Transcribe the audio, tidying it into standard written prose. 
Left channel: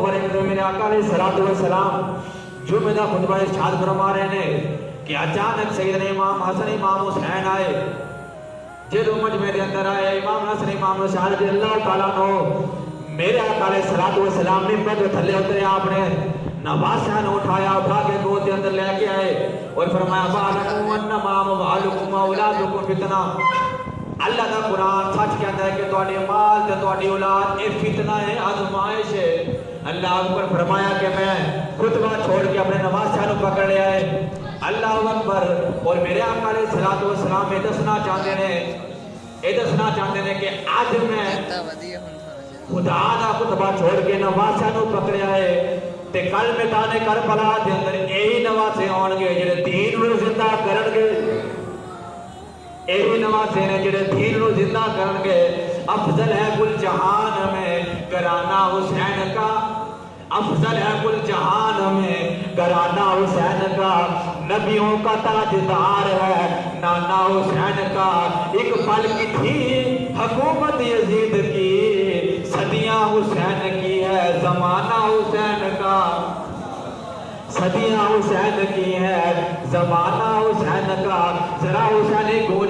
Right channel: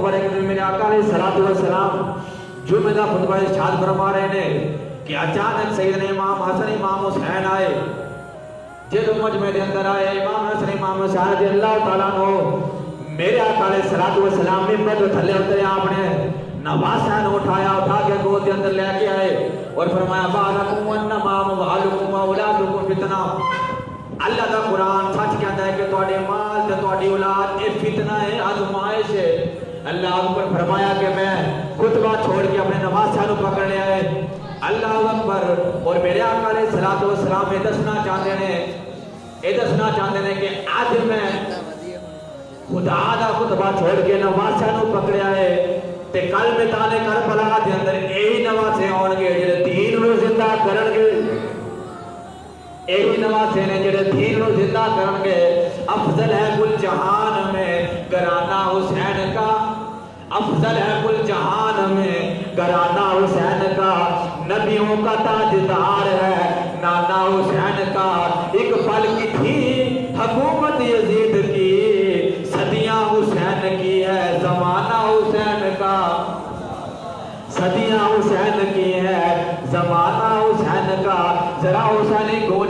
اکبر ایک دن میرے آقا علیہ السلام جمعہ دا خطبہ ارشاد فرما رہے ہیں کہ اچانک سیدنا امام حسن امام حسین آئے جدو مجمع دے اندر آئے امام حسن امام حسین رضی اللہ تعالیٰ عنہ میرے آقا علیہ السلام نے پر تھلے اترے آپ نے نواسہ نے اٹھا کے گود کے اندر لے کے آئے اور فرمایا بالکم انما اموالکم اولادکم فتنہ اللہ دا قرآن سچ کہتا ہے کہ تواڈے مال تے تواڈی اولاد یہ فتنہ ہے آزمائش ہے اللہ اکبر فرمایا کہ میں خطبہ چھوڑ کے اپنے نواسہ نو پکڑ لیا ہے اللہ اکبر اور میرے آقا علیہ السلام یہ دسنا چاہتے ہیں کہ آج میں خدا دا خطبہ چھوڑ کے نواسہ نو پکڑیا ہے تے کل میدان کربلا دے اندر یہی نواسے ہون گے جڑے دین نو زندہ کرن گے یہی نواسے نے جڑے دین نو زندہ کرن گے افضل ہے کل جہان میں گھرانہ حسین کا افضل ہے کل جہان میں گھرانہ حسین کا نبیوں کا تاجدار ہے نانا حسین کا ایک پل کی تھی حکومت یزید کی صدیاں حسین کی ہے زمانہ حسین کا صدیاں حسین کی ہے زمانہ حسین کا ذرا حسینی گون